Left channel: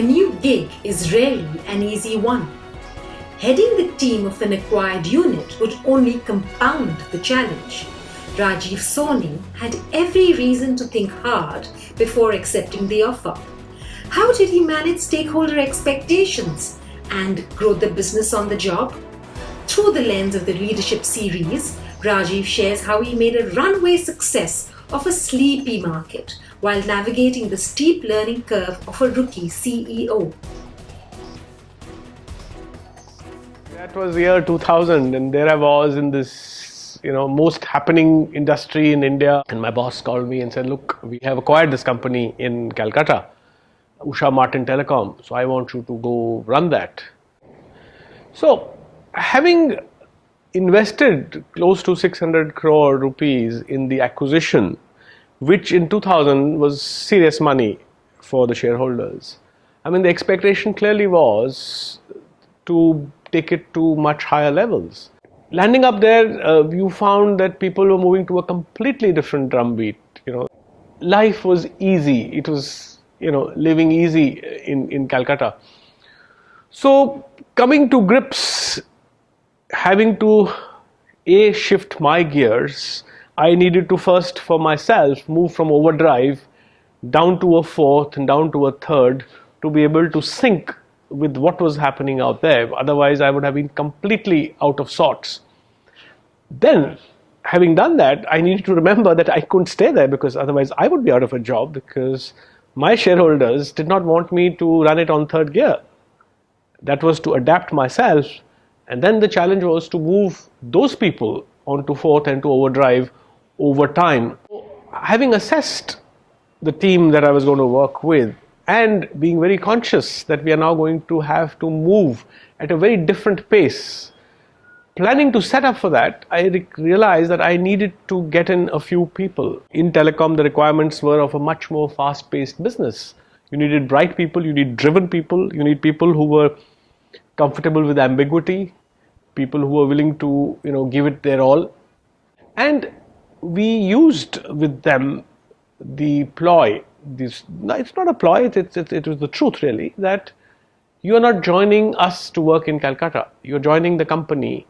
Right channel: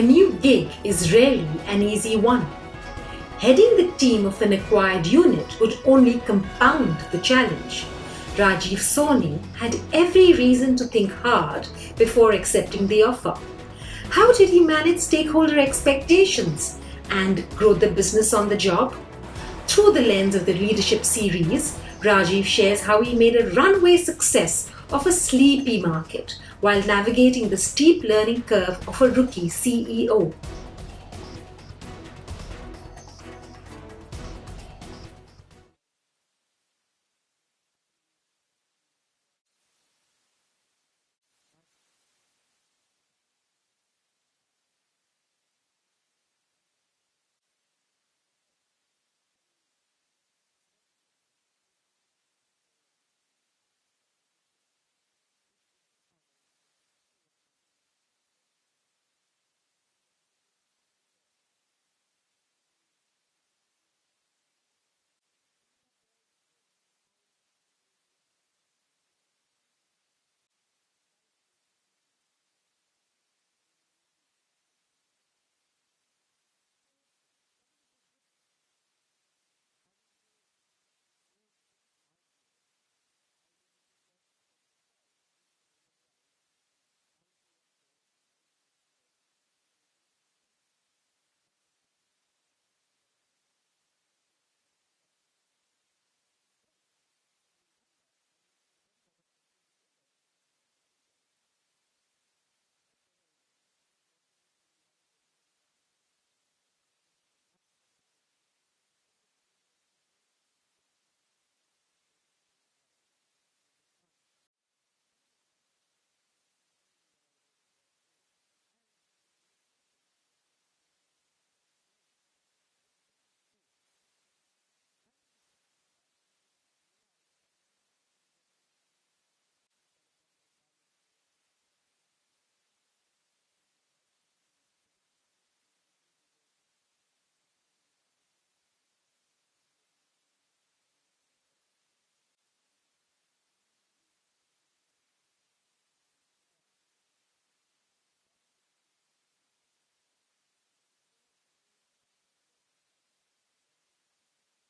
A new gig is rarely an easy one. Heading the team of an acquired unit would only compound the challenge. Rajiv Soni had every reason to think hard before accepting the offer. How did he manage stakeholder expectations and grow the business on the job? Through the lens of the leadership series, Rajiv shares how he made a runaway success of a sleepy market while navigating the steep learning curve of a rookie CEO. That was year 2000, and there I was in this, most happening industry in India. And my boss called me and said, "Look, we have acquired this company in Calcutta, Usha Martin Telecom. So I want you to go run that." So, having invested close to 600 crore rupees in the acquisition, which in 2000 was serious money for the shareholders. I mean, the expectation clearly was to take it to much higher levels. Landing up there, you found that people were moving to a completely different drumbeat. Life was easy. It was, living easy in Calcutta. So, coming to grips, having to shift my gears, I needed to first, for myself, move from overdrive down to a fourth and down to a third to be able to sync with what was happening out there. Otherwise, I would have been completely out of sorts. Then, having done that, I needed to remember that I couldn't stay there because otherwise I would be out of a job because my shareholders did not want me to run it on third gear. That was to adapt myself. And then the challenge was to move those people onto fourth and to overdrive over time. Having assessed the team that I was going to work with and being very conscious that we are now going to have to move at a very different pace, planning to set up for that, I realized that I needed to get in a few people. In telecom, the requirements were of a much more fast-paced business. You needed bright people, you need driven people, you need people who were comfortable with ambiguity, people who were willing to, give it their all. And we used with them the ploy. It's not a ploy, it was the truth really, that you are not joining us to work in Calcutta. You're joining the company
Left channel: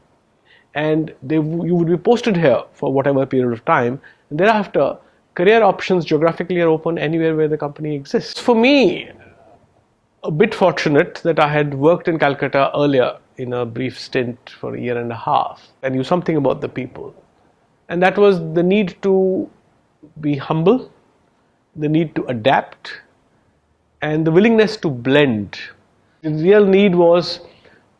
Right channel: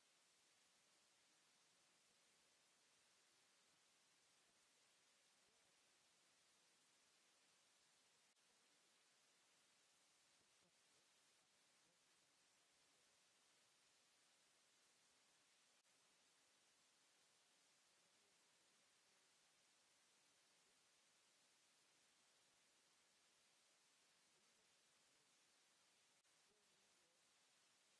and you would be posted here for whatever period of time. And thereafter, career options geographically are open anywhere where the company exists. For me, a bit fortunate that I had worked in Calcutta earlier in a brief stint for a year and a half. I knew something about the people. And that was the need to be humble, the need to adapt, and the willingness to blend. The real need was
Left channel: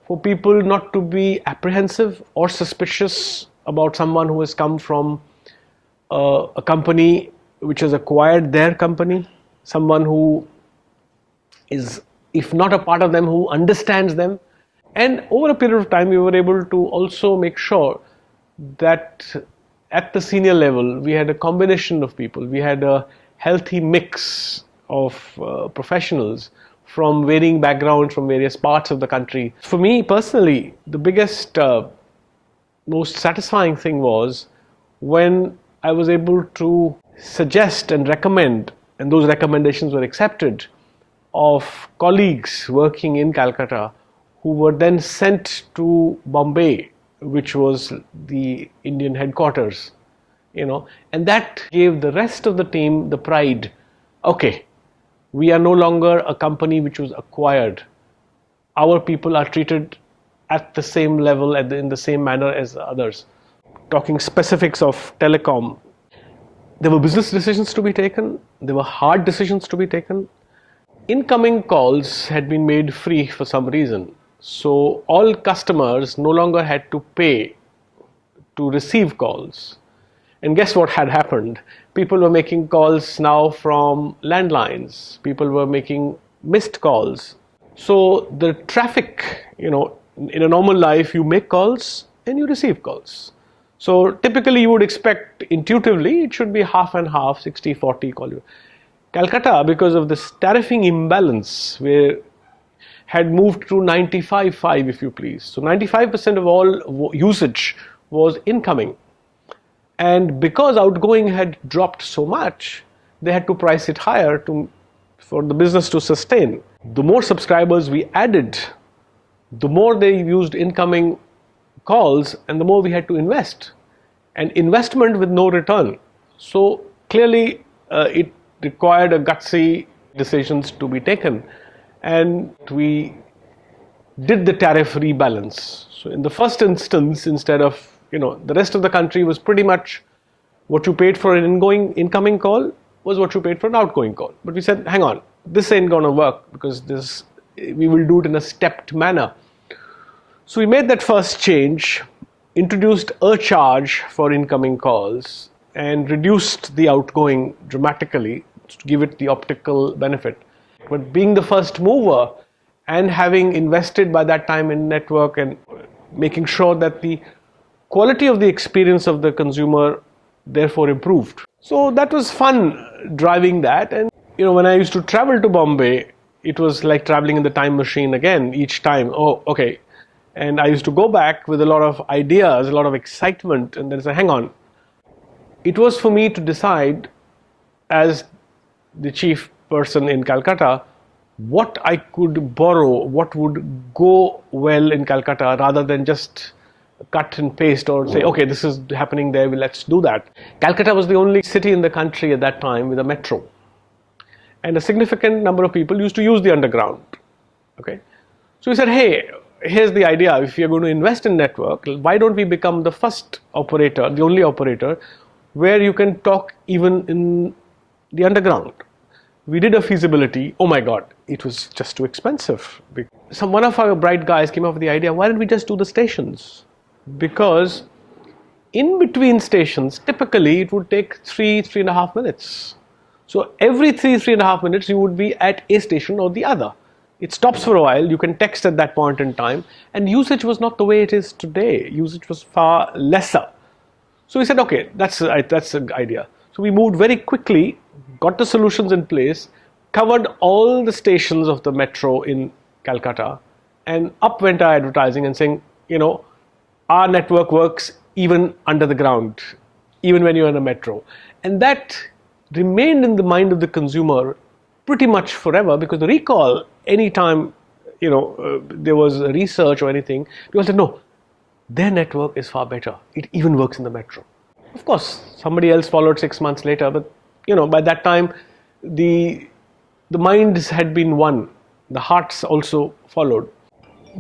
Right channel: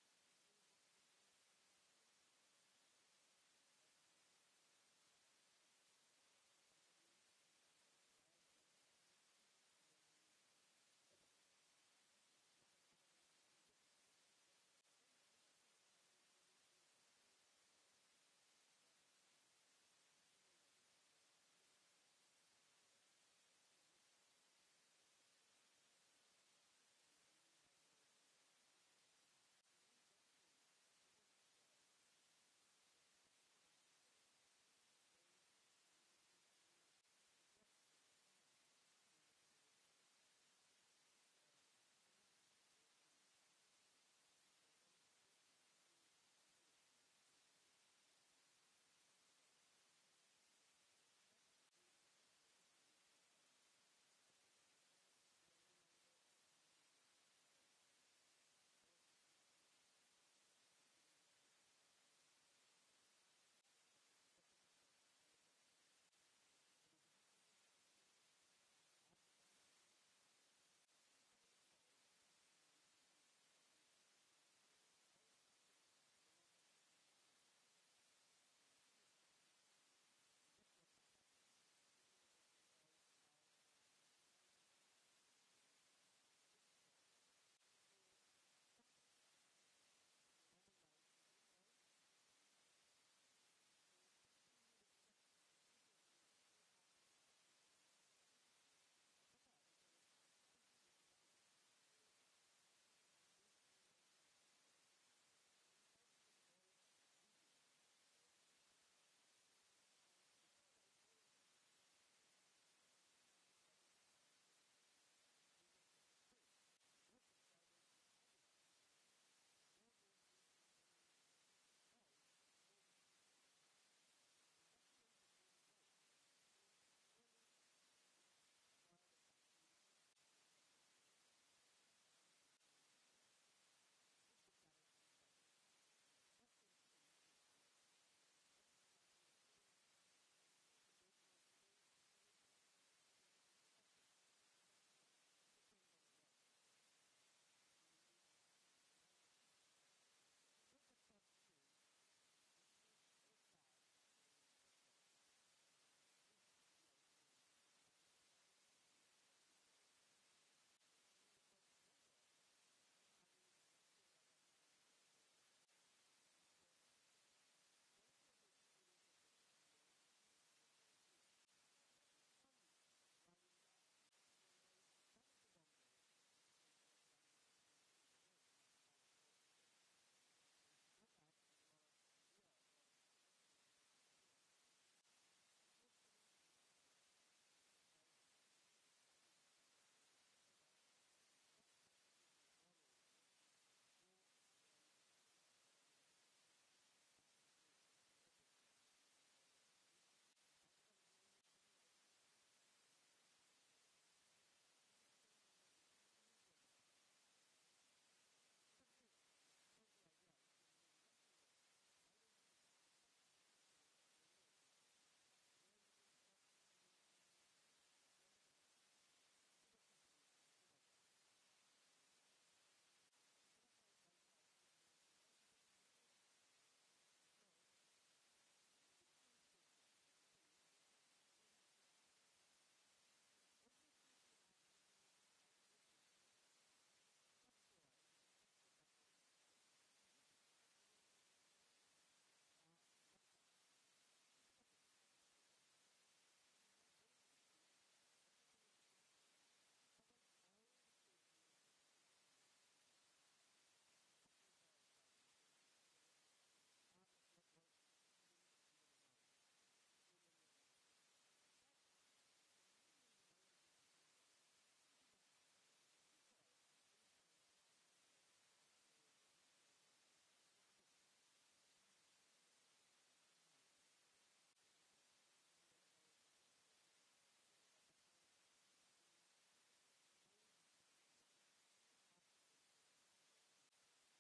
for people not to be apprehensive or suspicious about someone who has come from a company which has acquired their company, someone who is, if not a part of them, who understands them. And over a period of time, we were able to also make sure that at the senior level, we had a combination of people. We had a healthy mix of professionals from varying backgrounds, from various parts of the country. For me personally, the biggest, most satisfying thing was when I was able to suggest and recommend, and those recommendations were accepted, of colleagues working in Calcutta who were then sent to Bombay, which was the Indian headquarters, and that gave the rest of the team the pride. Okay, we are no longer a company which was acquired. Our people are treated at the same level, in the same manner as others. Talking specifics of telecom, there were business decisions to be taken, there were hard decisions to be taken. Incoming calls had been made free for some reason. So all customers no longer had to pay to receive calls. And guess what had happened? People were making calls now from landlines. People were making missed calls. So the traffic, in a normal life, you make calls and you receive calls. So typically you would expect intuitively it should be half and half, 60-40 call you. Calcutta, because of this tariffing imbalance, where had moved to 95-5, if you please. So 95% of all usage was incoming. And because outgoing had dropped so much, they had to price it higher for the business to sustain. The more subscribers we added, the more they used incoming calls and the more we had to invest. And investment with no return. So clearly it required a gutsy decisions to be taken. And we did the tariff rebalance. So in the first instance, instead of, the rest of the country was pretty much what you paid for an incoming call was what you paid for an outgoing call. But we said, hang on, this ain't going to work because we will do it in a stepped manner. So we made that first change, introduced a charge for incoming calls and reduced the outgoing dramatically to give it the optical benefit. But being the first mover and having invested by that time in network and making sure that the quality of the experience of the consumer therefore improved. So that was fun driving that. And when I used to travel to Bombay, it was like traveling in the time machine again each time. Oh, okay. And I used to go back with a lot of ideas, a lot of excitement, and then say, hang on. It was for me to decide as the chief person in Calcutta what I could borrow, what would go well in Calcutta, rather than just cut and paste or say, okay, this is happening there, let's do that. Calcutta was the only city in the country at that time with a metro. And a significant number of people used to use the underground. Okay, so we said, hey, here's the idea. If you're going to invest in network, why don't we become the first operator, the only operator, where you can talk even in the underground? We did a feasibility. Oh my God, it was just too expensive. One of our bright guys came up with the idea, why don't we just do the stations? Because in between stations, typically it would take 3.5 minutes. So every 3.5 minutes, you would be at a station or the other. It stops for a while, you can text at that point in time, and usage was not the way it is today. Usage was far lesser. So we said, okay, that's an idea. So we moved very quickly, got the solutions in place, covered all the stations of the metro in Calcutta, and up went our advertising and saying, our network works even under the ground, even when you're in a metro. And that remained in the mind of the consumer pretty much forever, because the recall, anytime there was research or anything, people said, no, their network is far better. It even works in the metro. Of course, somebody else followed 6 months later, but by that time, the minds had been won. The hearts also followed.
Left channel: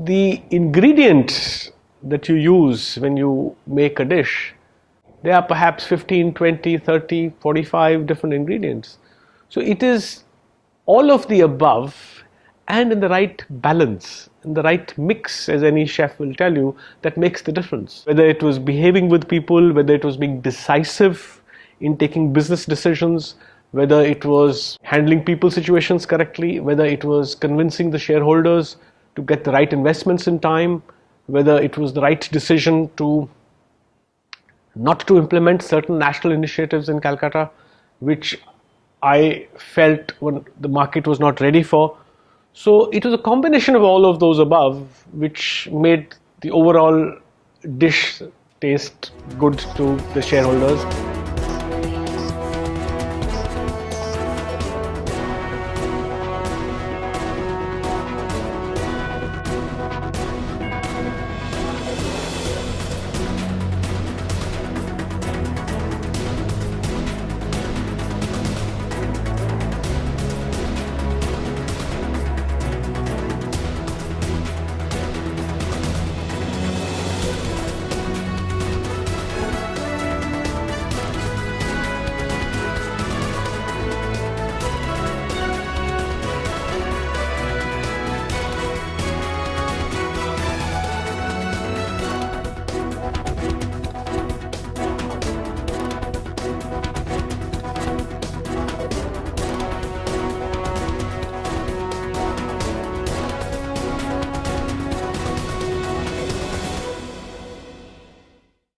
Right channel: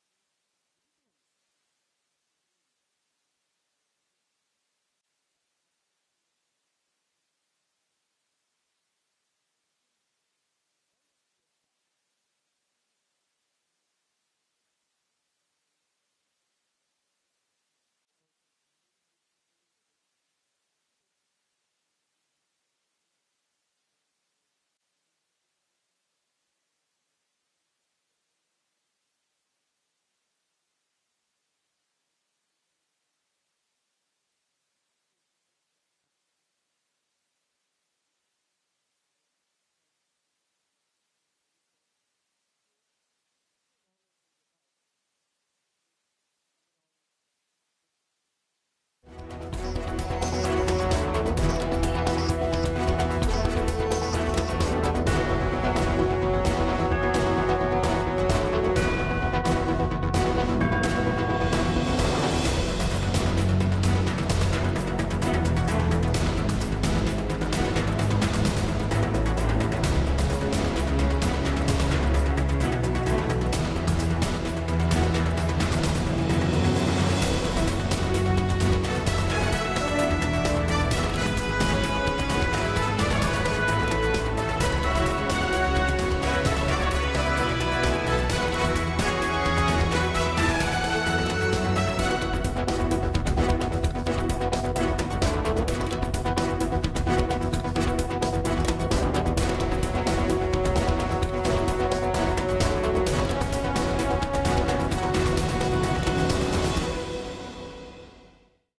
The ingredients that you use when you make a dish, there are perhaps 15, 20, 30, 45 different ingredients. So it is all of the above and in the right balance, in the right mix, as any chef will tell you, that makes the difference. Whether it was behaving with people, whether it was being decisive in taking business decisions, whether it was handling people situations correctly, whether it was convincing the shareholders to get the right investments in time, whether it was the right decision to not to implement certain national initiatives in Calcutta, which I felt when the market was not ready for. So it was a combination of all of those above which made the overall dish taste good to the shareholders.